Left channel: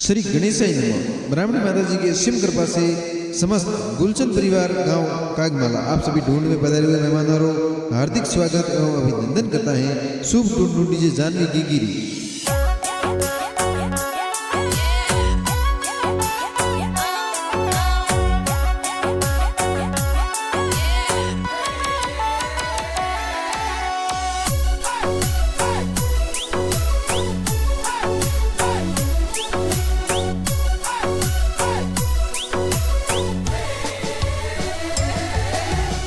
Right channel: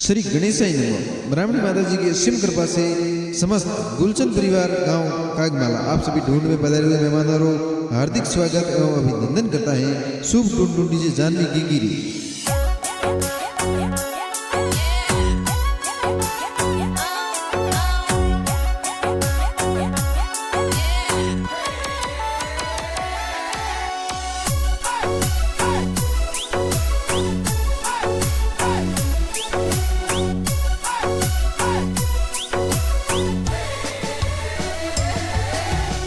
श्री गणेशाय नमः। ब्राह्मणी माता जी की असीम कृपा से समस्त गुलचंद परिवार गांव कागमाला आप सभी ढूंढ में पधारे हुए मेहमानों हार्दिक स्वागत एवं अभिनंदन करता है। शुभ ढूंढ डीजे जानवी गिगिरी।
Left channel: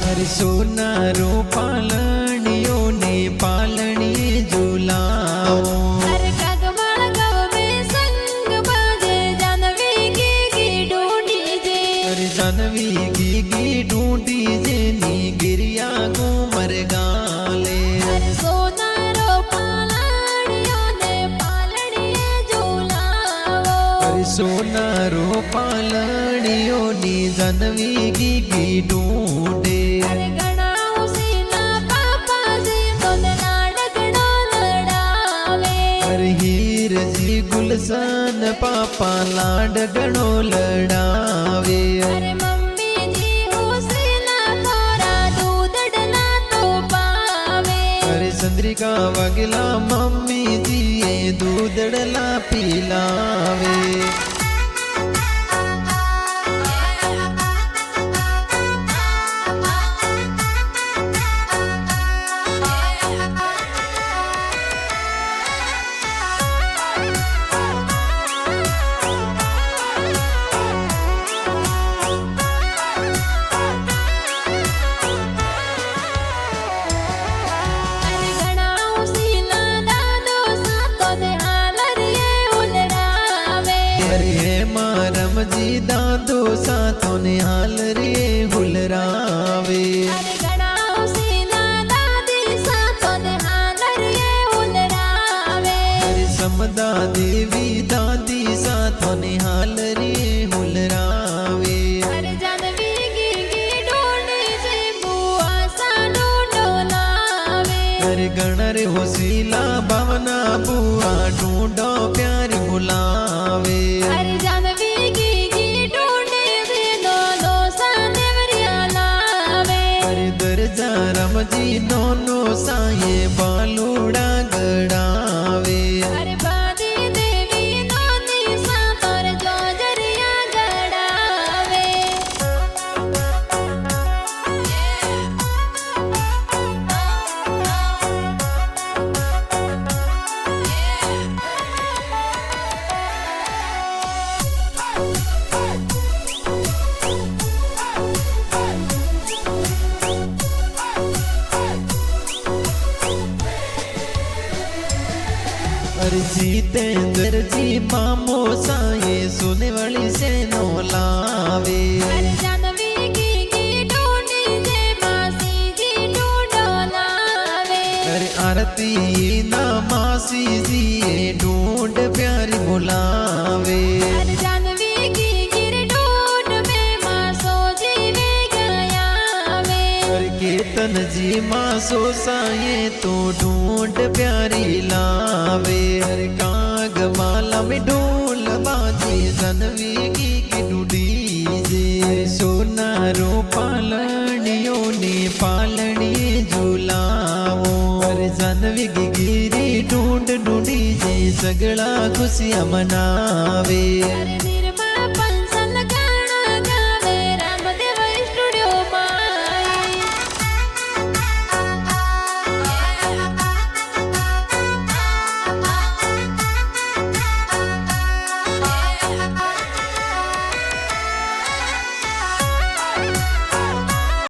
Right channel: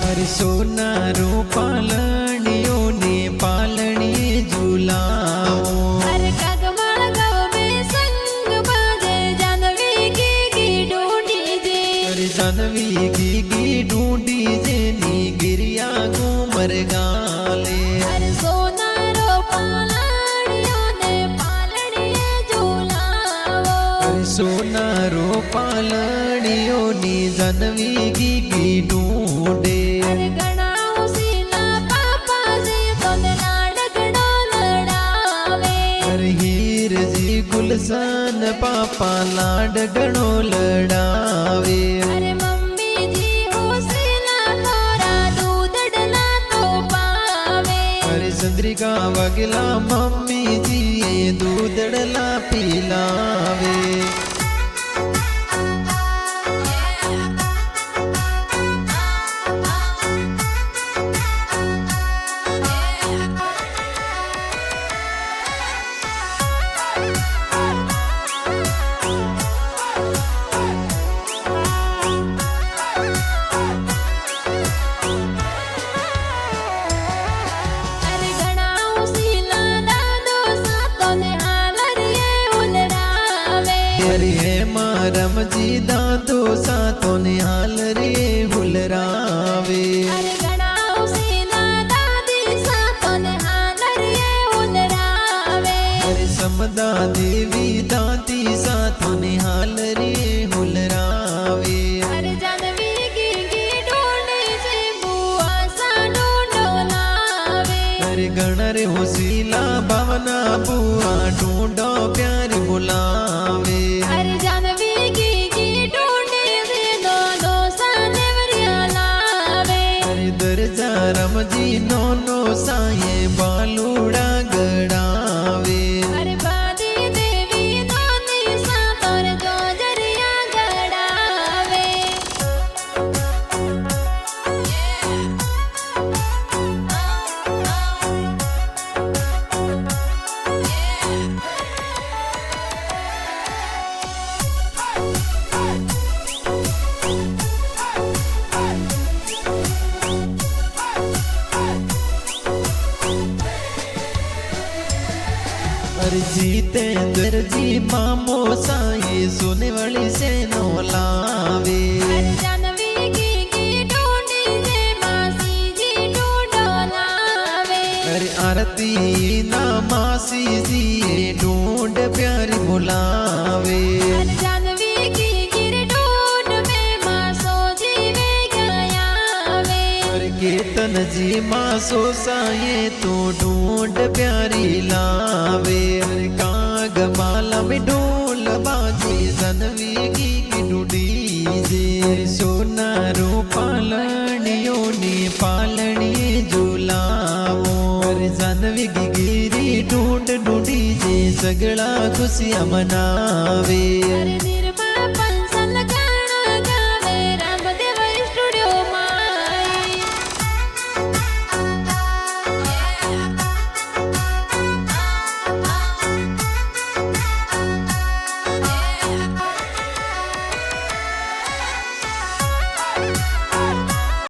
अरे सोनारो पालनियों ने पालनिए झूलाओ। अरे कागमाला गाँव में संग बाजे जानवी की ढूंढी जे। अरे जानवी की ढूंढी जे नी गिरिया घूमर गाले। अरे सोनारो पालनियों ने पालनिए झूलाओ। अरे सोनारो पालनियों ने जानवी की ढूंढे। अरे गणाओ सीला पापा जी तोने लाडगड़ो लड़ावे। अरे हीर जी गुलशन पापा लाडगड़ो लड़ावे। अरे मम्मी जी हो सीला थोड़ा दूध डला तो पावे। अरे चंद्रिका वगला मम्मी जी ये दूधड़ला पिलावे। अरे गणाओ सीला दादो सातोने हालरिए उलड़ावे। अरे हे मारम जी दादो साथों ने हाल रे हुलरावे। अरे गणाओ सीला दादी सातोने हालरिए उलड़ावे। अरे समदा देवी दादी साथों ने हाल रे हुलरावे। अरे जानवी की ढूंढी से बुआ सा ढूंढो लावे। अरे गणरे होसीला भावना बुआ ढूंढो प्यारी बुलावे। अरे जानवी की ढूंढी से दो दो सा नेवरिया लावे। अरे दरजा रमजी नोनो साये बालूड़ा गड़ावे। अरे बादी देवी नोनी सा तोर जो जरिया गड़ावे। अरे जीतेंद्र जी मामो साये सोने वाली से नौलावे। अरे जानवी की ढूंढी से मासी जी ढूंढो लावे। अरे आरती ना मासी जी ये ढूंढ प्यारी बुलावे। अरे जानवी की गिर ढूंढ में मासो जी वे गयावे। अरे कीर्तन जी मासो साये तो ढूंढ प्यारी लावे। अरे काग माला में ढोल बाजे जानवी की ढूंढी जे। अरे सोनारो पालनियों ने पालनिए झूलावो। अरे जानवी की गिरी ढूंढी जे सगड़ा खुशियां मनावे। अरे